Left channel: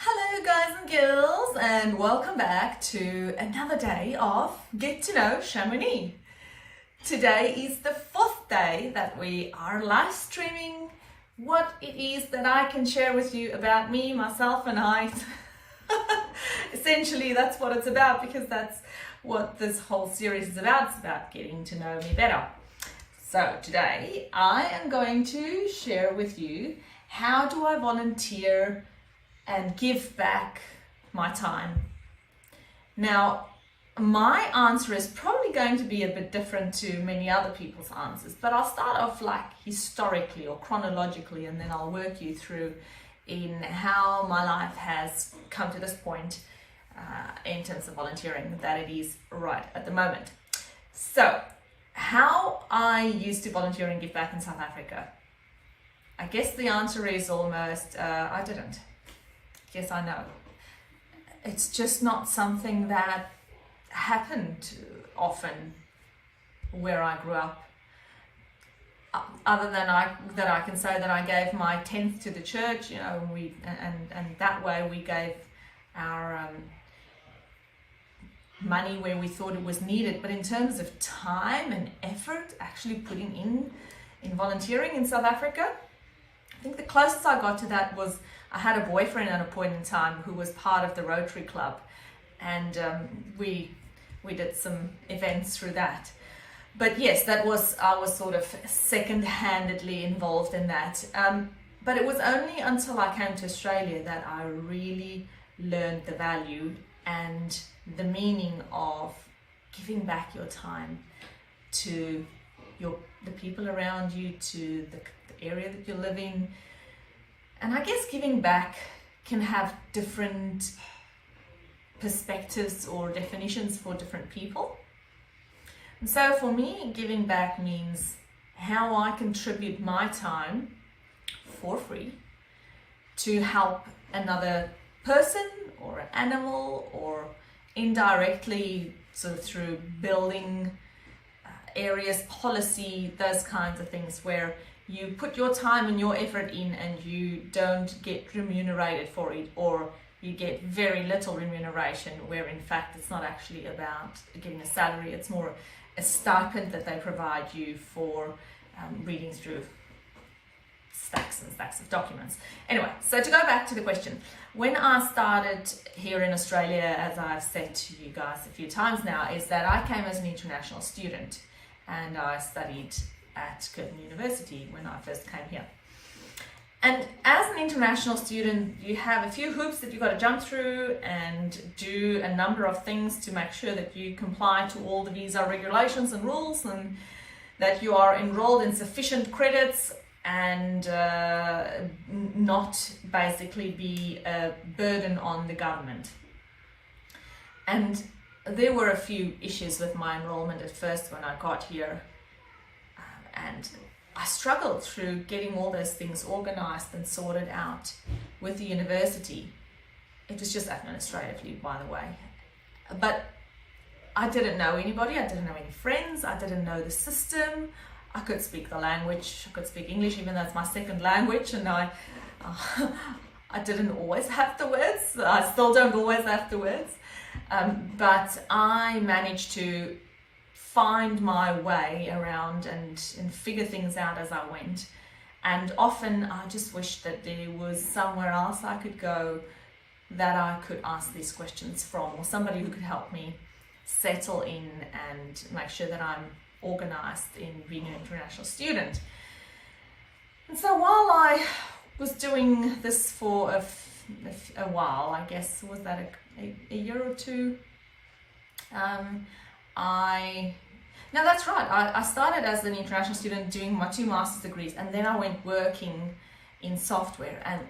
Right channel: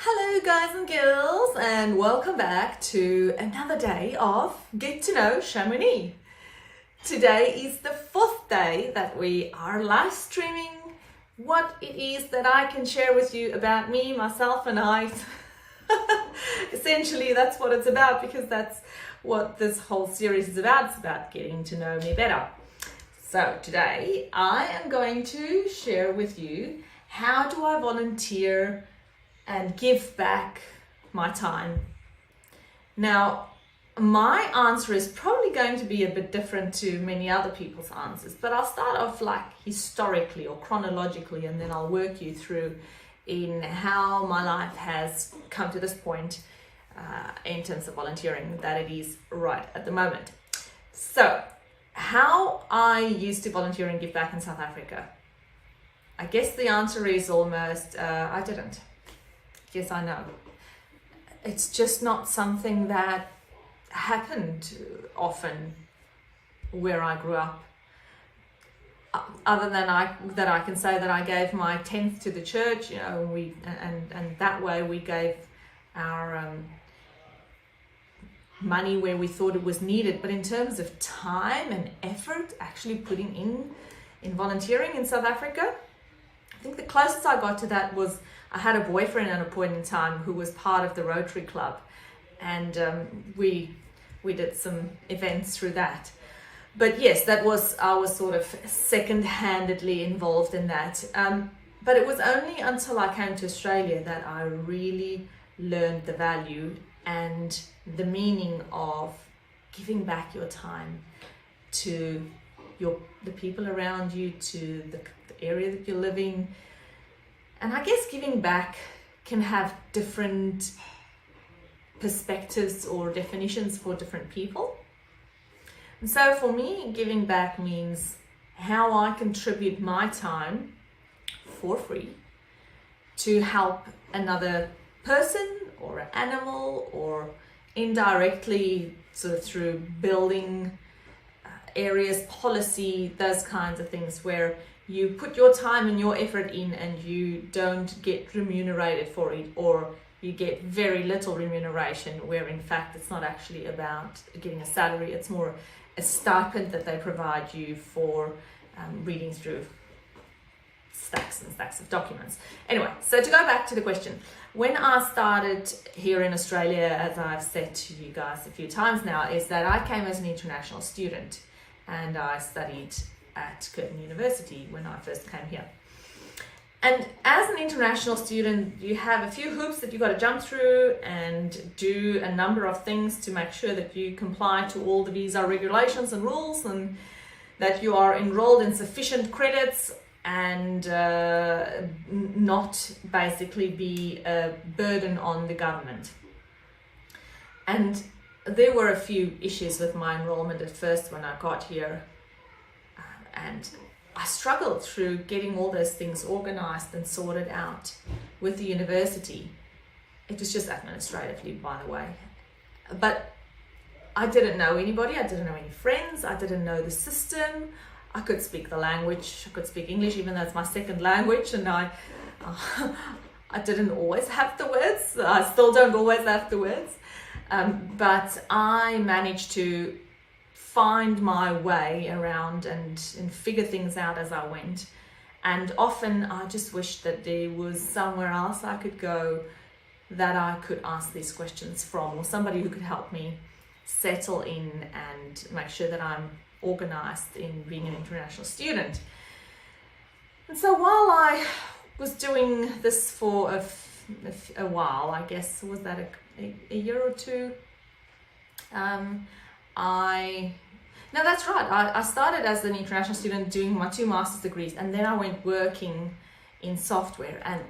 Hello guys and girls, and welcome back to another day of Get to Know Chamonix. Today is the fourth day that we are live streaming what it is that I can share with you about me, myself and I. Essentially that's what it's about, because that's what this whole series is about. It's about getting to know me better. So today I am going to share with you how do I volunteer and give back my time. Now, my answer is probably going to be a bit different to many other people's answers, but I'll start off like historically or chronologically, and then I'll work you through in how my life has come to this point in terms of volunteering that it is right at the moment. So, how I used to volunteer and give back in South Africa. I guess the answer is almost, I didn't. Yes, I know. It's just not something that happened often where I grew up. Other than that I can say that I gave my 10th to the church, and that way we gave our money where we thought it was needed. But in terms of time and effort, actually putting in volunteering in South Africa, I think the closest I got to that was I had a boyfriend at a point in time who was part of the Rotary Club, and we did some events through that. But yes, I was sort of second-handedly involved in that. But it was only until I came to Australia that I really learned the value and the meaning of giving back your time to the people around you, to the area that you're living. And I guess giving back can have different perspectives or definitions for different people. And so for me, giving back means how I contribute my time for free to help another person or an animal, or indirectly sort of through building areas, policy, those kinds of things where you put your time and your effort in and you don't get remunerated for it, or you get very little remuneration, where in fact it's not actually about getting a salary, it's more a stipend that they provide you for reading through stacks and stacks of documents. Anyway, so to go back to the question, when I started here in Australia, as I've said to you guys a few times now, is that I came as an international student and I studied at Curtin University when I first came here. And as an international student, you have a few hoops that you've got to jump through and do a number of things to make sure that you comply to all the visa regulations and rules, and that you are enrolled in sufficient credits and not basically be a burden on the government. And there were a few issues with my enrollment at first when I got here. And I struggled through getting all those things organized and sorted out with the university. It was just administratively, by the way. But I didn't know anybody, I didn't know any friends, I didn't know the system. I could speak the language, I could speak English, even though it's my second language, and I didn't always have the words. I still don't always have the words. But I managed to find my way around and figure things out as I went. And often I just wished that there was somewhere else I could go that I could ask these questions from, or somebody who could help me settle in and make sure that I'm organized in being an international student. And so while I was doing this for a while, I guess, was that a year or two, now that's right, I started as an international student doing my 2 master's degrees, and then I went working in software and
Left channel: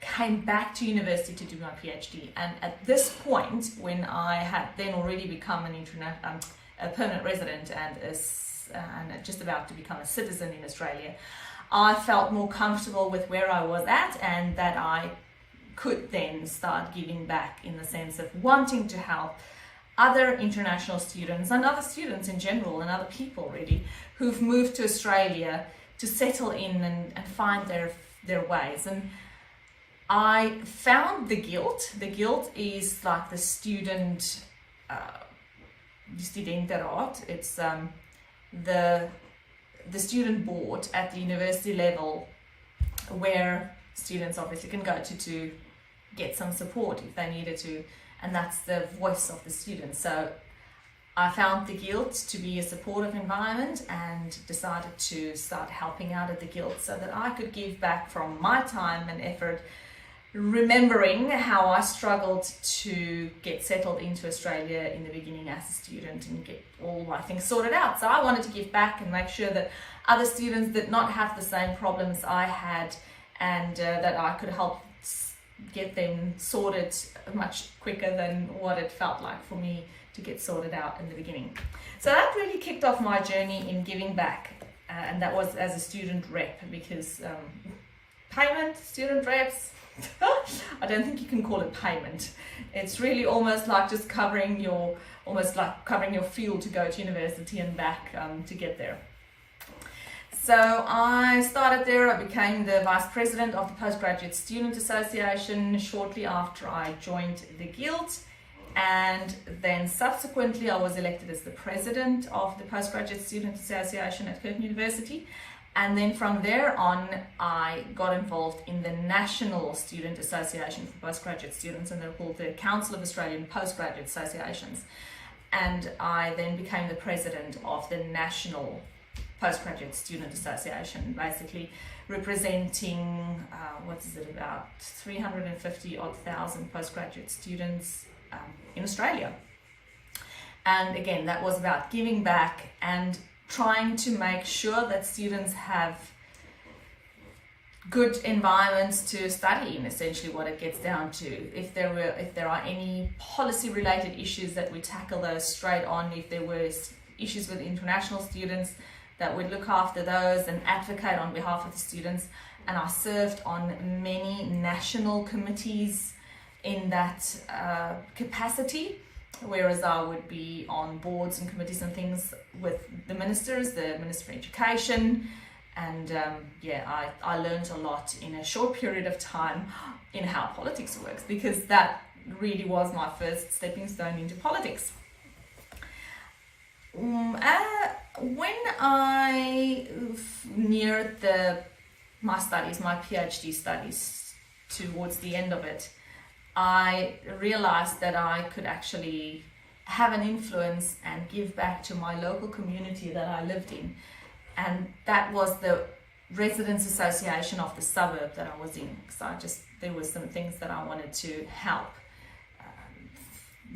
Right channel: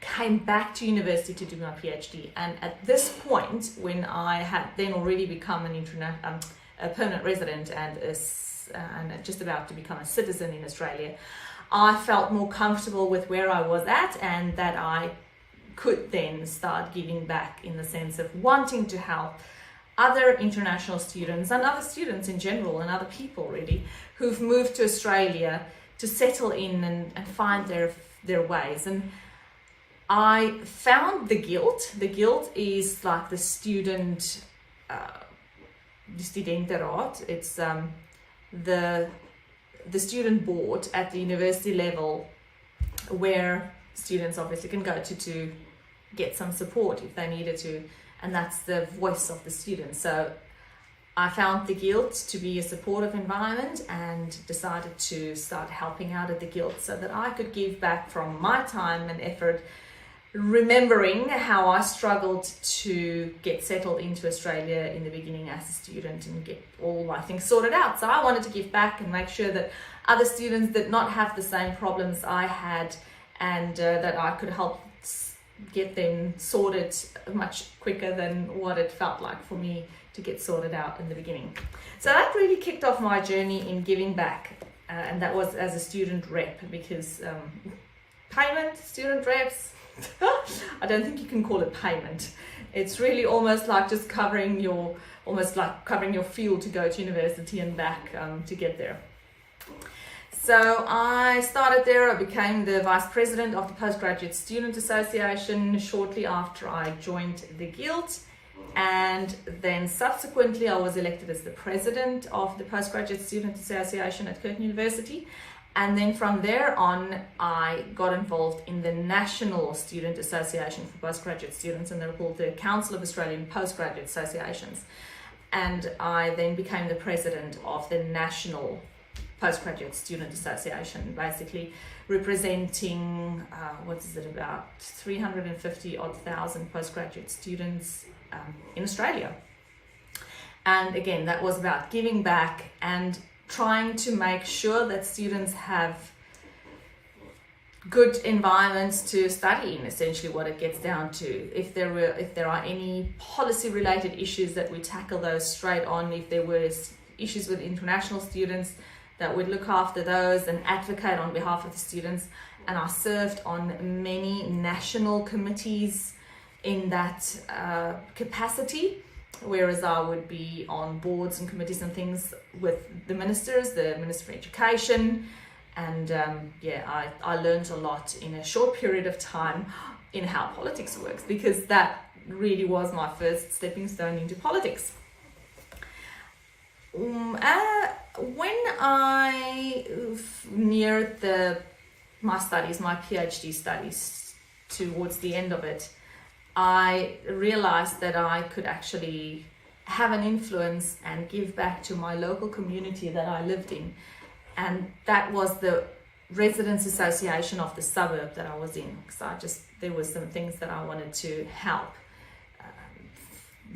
came back to university to do my PhD. And at this point, when I had then already become a permanent resident and just about to become a citizen in Australia, I felt more comfortable with where I was at, and that I could then start giving back in the sense of wanting to help other international students and other students in general, and other people really who've moved to Australia to settle in and find their ways. And I found the Guild. The Guild is like the student, the Studentenraad. It's the student board at the university level, where students obviously can go to get some support if they needed to, and that's the voice of the students. So I found the Guild to be a supportive environment and decided to start helping out at the Guild so that I could give back from my time and effort, remembering how I struggled to get settled into Australia in the beginning as a student and get all my things sorted out. So I wanted to give back and make sure that other students did not have the same problems I had, and that I could help get them sorted much quicker than what it felt like for me to get sorted out in the beginning. So that really kicked off my journey in giving back, and that was as a student rep, because payment, student reps, I don't think you can call it payment. It's really almost like just covering your fuel to go to university and back to get there. So I started there. I became the vice president of the Postgraduate Student Association shortly after I joined the Guild, and then subsequently I was elected as the president of the Postgraduate Student Association at Curtin University. And then from there on, I got involved in the National Student Association for Postgraduate Students, and they're called the Council of Australian Postgraduate Associations. And I then became the president of the National Postgraduate Student Association, basically representing, about 350,000 postgraduate students in Australia. And again, that was about giving back and trying to make sure that students have good environments to study in, essentially what it gets down to. If there are any policy related issues, that we tackle those straight on. If there were issues with international students, that would look after those and advocate on behalf of the students. And I served on many national committees in that capacity, whereas I would be on boards and committees and things with the ministers, the Minister for Education, and I learned a lot in a short period of time in how politics works, because that really was my first stepping stone into politics. When I neared my PhD studies, towards the end of it, I realized that I could actually have an influence and give back to my local community that I lived in. And that was the Residents Association of the suburb that I was in. So there were some things that I wanted to help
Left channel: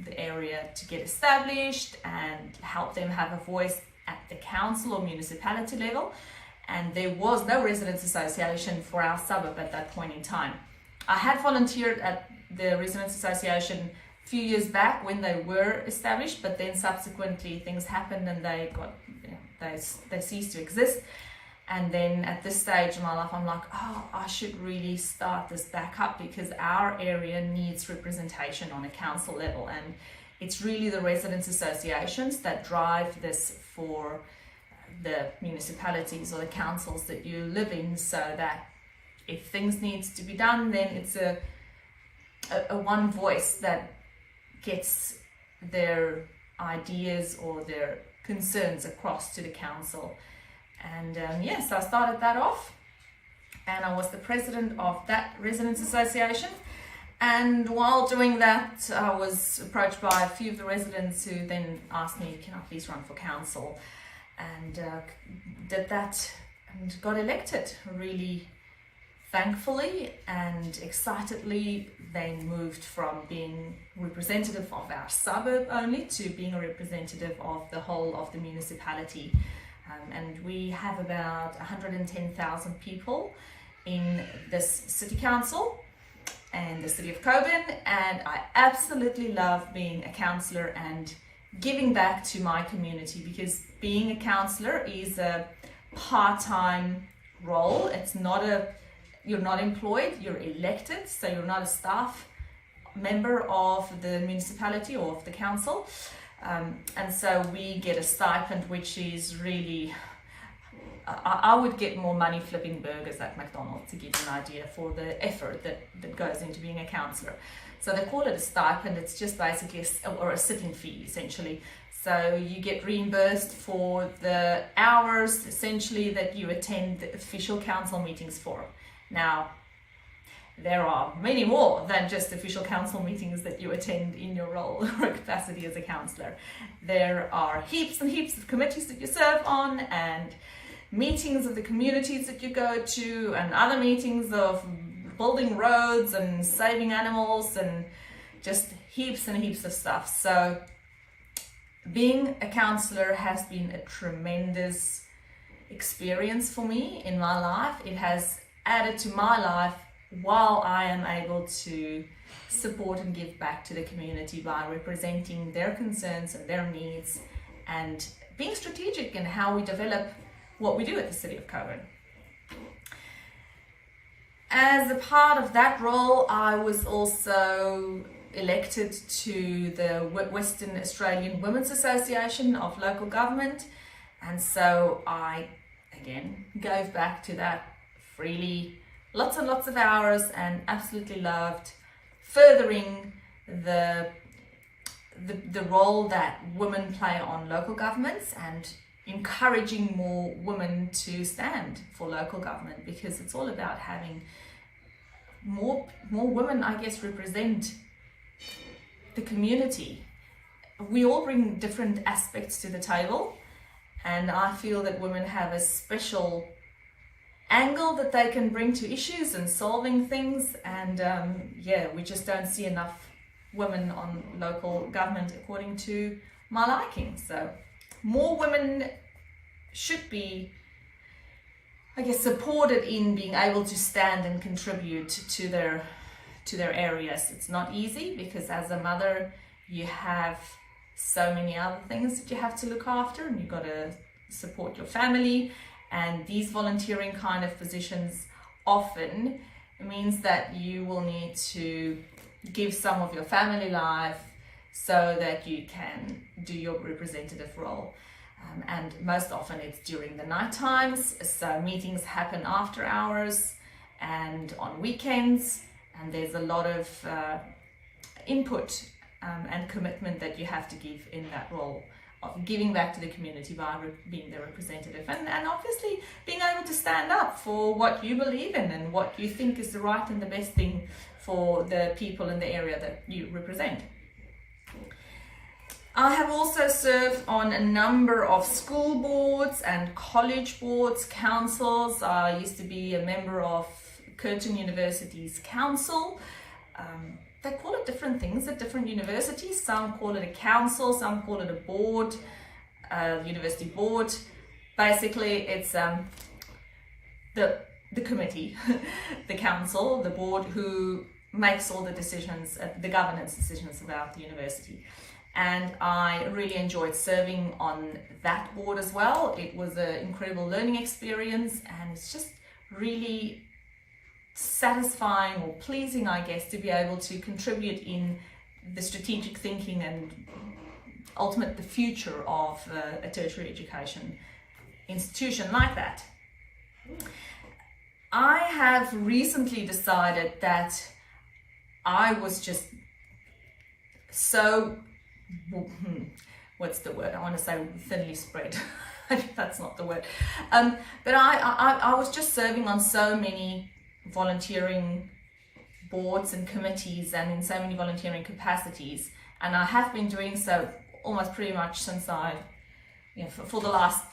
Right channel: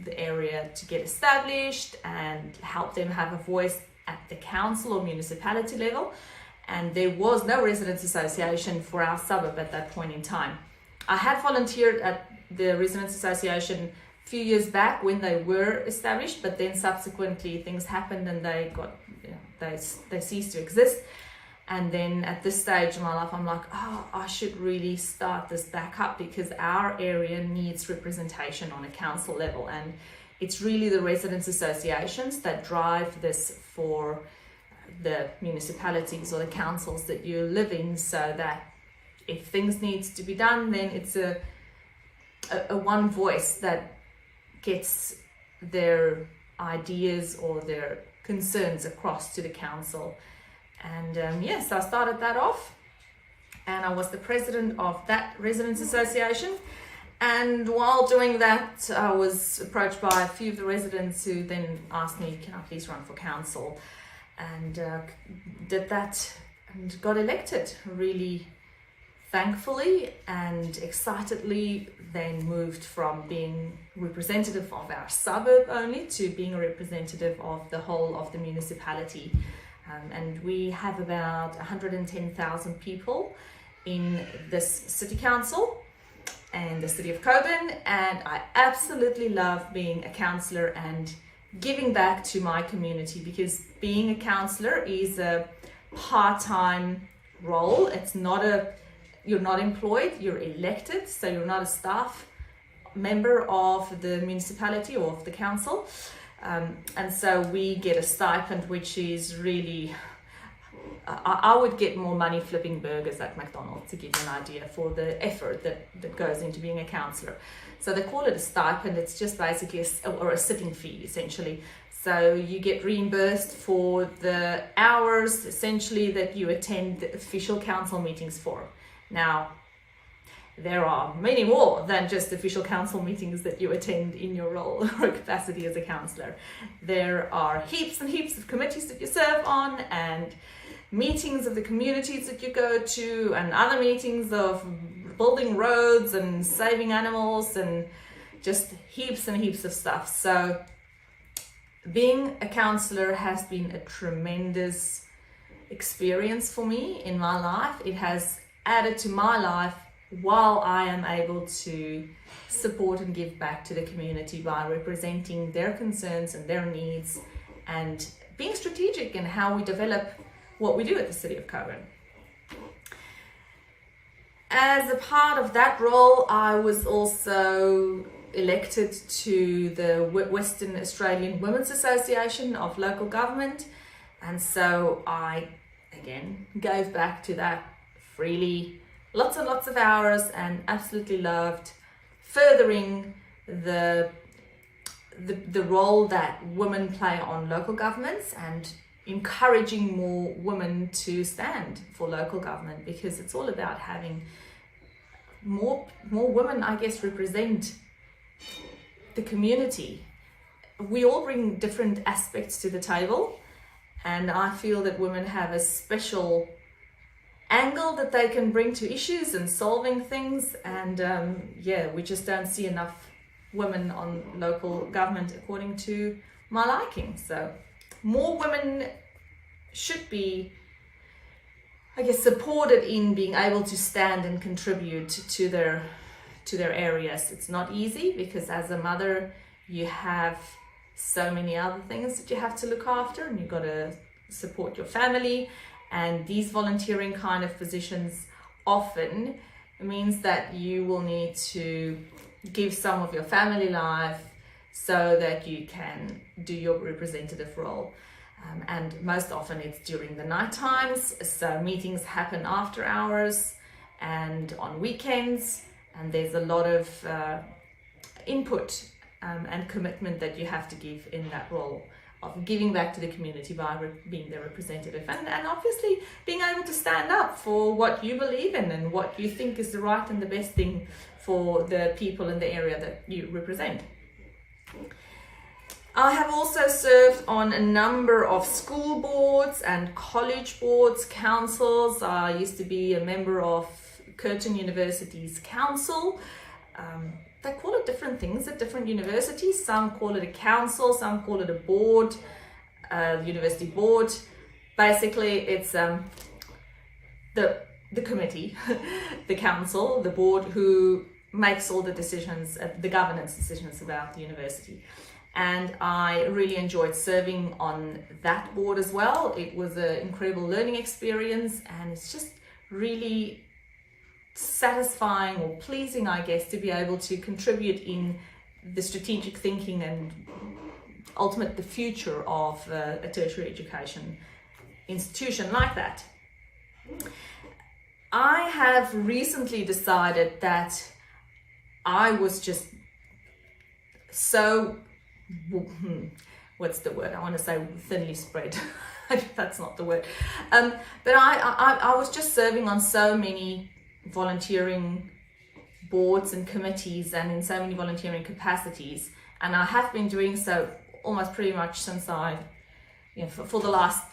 the area to get established and help them have a voice at the council or municipality level. And there was no Residents Association for our suburb at that point in time. I had volunteered at the Residents Association a few years back when they were established, but then subsequently things happened and they ceased to exist. And then at this stage in my life, I'm like, I should really start this back up, because our area needs representation on a council level. And it's really the residents associations that drive this for the municipalities or the councils that you live in, so that if things needs to be done, then it's a one voice that gets their ideas or their concerns across to the council. And so I started that off, and I was the president of that residents association. And while doing that, I was approached by a few of the residents who then asked me, can I please run for council? And did that and got elected, really thankfully and excitedly. Then moved from being representative of our suburb only to being a representative of the whole of the municipality. And we have about 110,000 people in this city council and the city of Coburn, and I absolutely love being a councillor and giving back to my community, because being a councillor is a part-time role. It's not you're not employed, you're elected, so you're not a staff member of the municipality or of the council. And so we get a stipend, which is really I would get more money flipping burgers at McDonald's, to give you an idea for the effort that goes into being a counsellor. So they call it a stipend. It's just basically a sitting fee, essentially. So you get reimbursed for the hours, essentially, that you attend the official council meetings for. Now, there are many more than just official council meetings that you attend in your role or capacity as a counsellor. There are heaps and heaps of committees that you serve on, and meetings of the communities that you go to, and other meetings of building roads and saving animals, and just heaps and heaps of stuff. So being a counsellor has been a tremendous experience for me in my life. It has added to my life while I am able to support and give back to the community by representing their concerns and their needs, and being strategic in how we develop what we do at the City of Cockburn. As a part of that role, I was also elected to the Western Australian Women's Association of Local Government, and so I again gave back to that freely, lots and lots of hours, and absolutely loved furthering the role that women play on local governments, and encouraging more women to stand for local government, because it's all about having more women, I guess, represent the community. We all bring different aspects to the table, and I feel that women have a special angle that they can bring to issues and solving things, and we just don't see enough women on local government according to my liking. So more women should be, I guess, supported in being able to stand and contribute to their areas. It's not easy, because as a mother you have so many other things that you have to look after, and you've got to support your family, and these volunteering kind of positions often means that you will need to give some of your family life so that you can do your representative role. And most often it's during the night times, so meetings happen after hours and on weekends, and there's a lot of input and commitment that you have to give in that role of giving back to the community by being their representative, and obviously being able to stand up for what you believe in and what you think is the right and the best thing for the people in the area that you represent. I have also served on a number of school boards and college boards, councils. I used to be a member of Curtin University's council. They call it different things at different universities. Some call it a council, some call it a board, university board. Basically, it's the committee, the council, the board, who makes all the decisions, the governance decisions about the university. And I really enjoyed serving on that board as well. It was an incredible learning experience, and it's just really satisfying or pleasing, I guess, to be able to contribute in the strategic thinking and ultimate the future of a tertiary education institution like that. I have recently decided that I was just so, what's the word? I want to say thinly spread. That's not the word. But I was just serving on so many volunteering boards and committees, and in so many volunteering capacities, and I have been doing so almost pretty much since for the last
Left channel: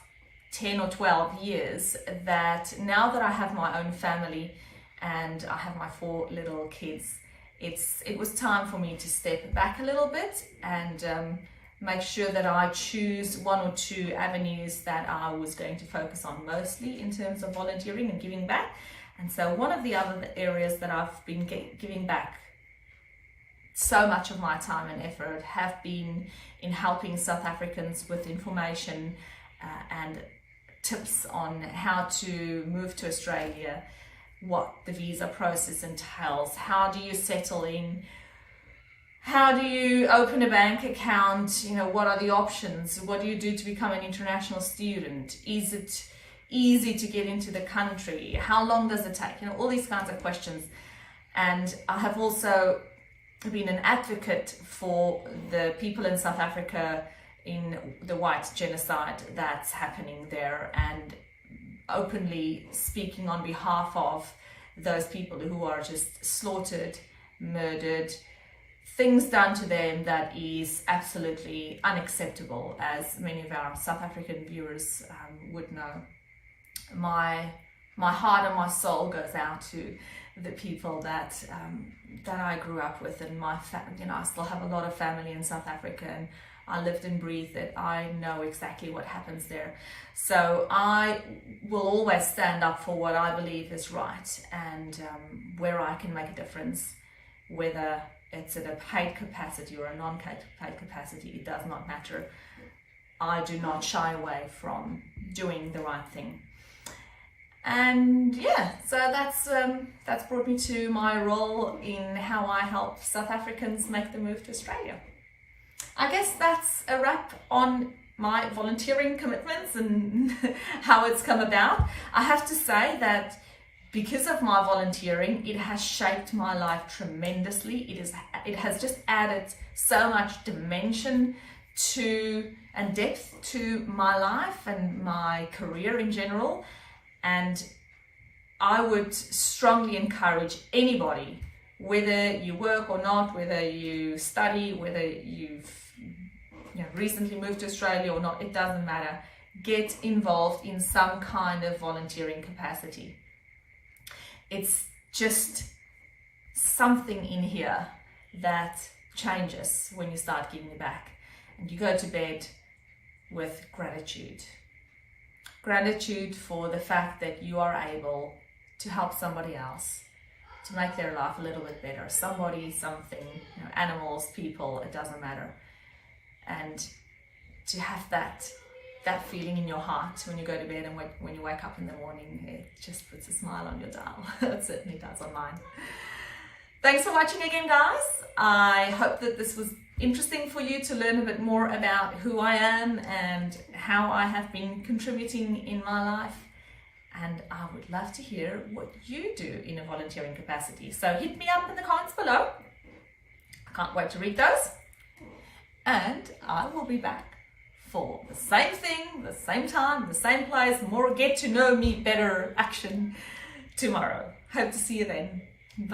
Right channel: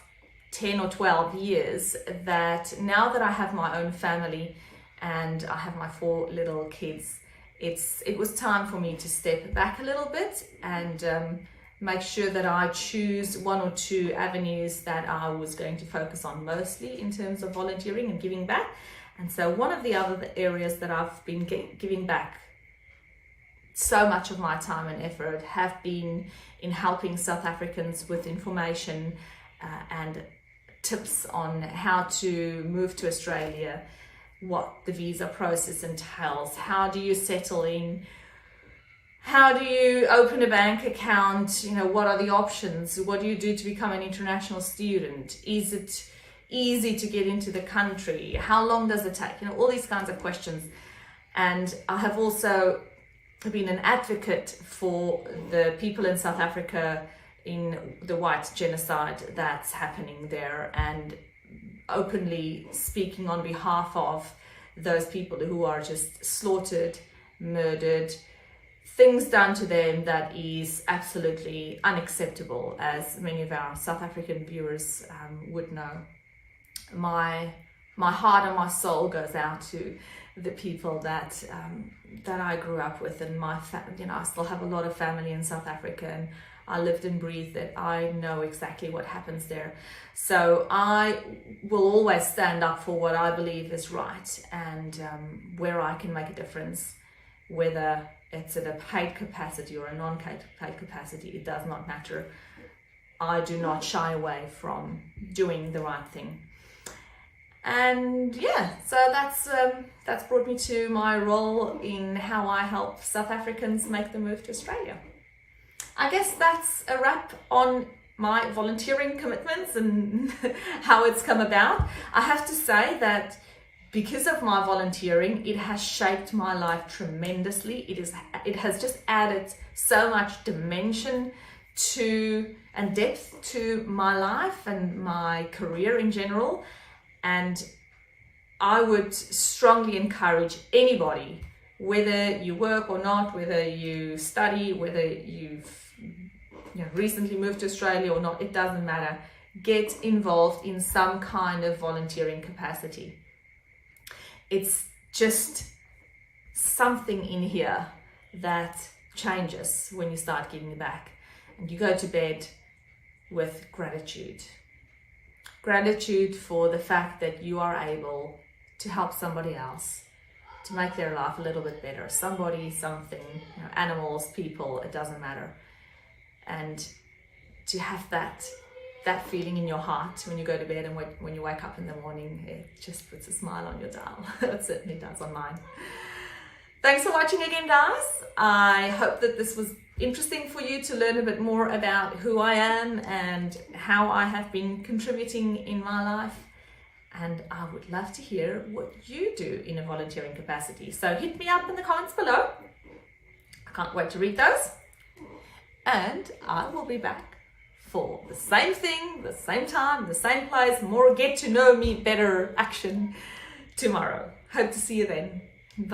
10 or 12 years, that now that I have my own family and I have my 4 little kids, it was time for me to step back a little bit and make sure that I choose 1 or 2 avenues that I was going to focus on mostly in terms of volunteering and giving back. And so one of the other areas that I've been giving back so much of my time and effort have been in helping South Africans with information and tips on how to move to Australia, what the visa process entails, how do you settle in, how do you open a bank account, what are the options, what do you do to become an international student, is it easy to get into the country? How long does it take? All these kinds of questions. And I have also been an advocate for the people in South Africa in the white genocide that's happening there, and openly speaking on behalf of those people who are just slaughtered, murdered, things done to them that is absolutely unacceptable, as many of our South African viewers would know. My heart and my soul goes out to the people that I grew up with, and my family. I still have a lot of family in South Africa, and I lived and breathed it. I know exactly what happens there. So I will always stand up for what I believe is right, and where I can make a difference, whether it's in a paid capacity or a non-paid capacity, it does not matter. I do not shy away from doing the right thing. And yeah, so that's brought me to my role in how I help South Africans make the move to Australia. I guess that's a wrap on my volunteering commitments and how it's come about. I have to say that because of my volunteering, it has shaped my life tremendously. It has just added so much dimension to and depth to my life and my career in general. And I would strongly encourage anybody, whether you work or not, whether you study, whether you've recently moved to Australia or not, it doesn't matter. Get involved in some kind of volunteering capacity. It's just something in here that changes when you start giving back, and you go to bed with gratitude. Gratitude for the fact that you are able to help somebody else, to make their life a little bit better. Somebody, something, animals, people, it doesn't matter. And to have that feeling in your heart when you go to bed and when you wake up in the morning, it just puts a smile on your dial. It certainly does on mine. Thanks for watching again, guys. I hope that this was interesting for you to learn a bit more about who I am and how I have been contributing in my life. And I would love to hear what you do in a volunteering capacity. So hit me up in the comments below. I can't wait to read those. And I will be back for the same thing, the same time, the same place, more get to know me better action tomorrow. Hope to see you then.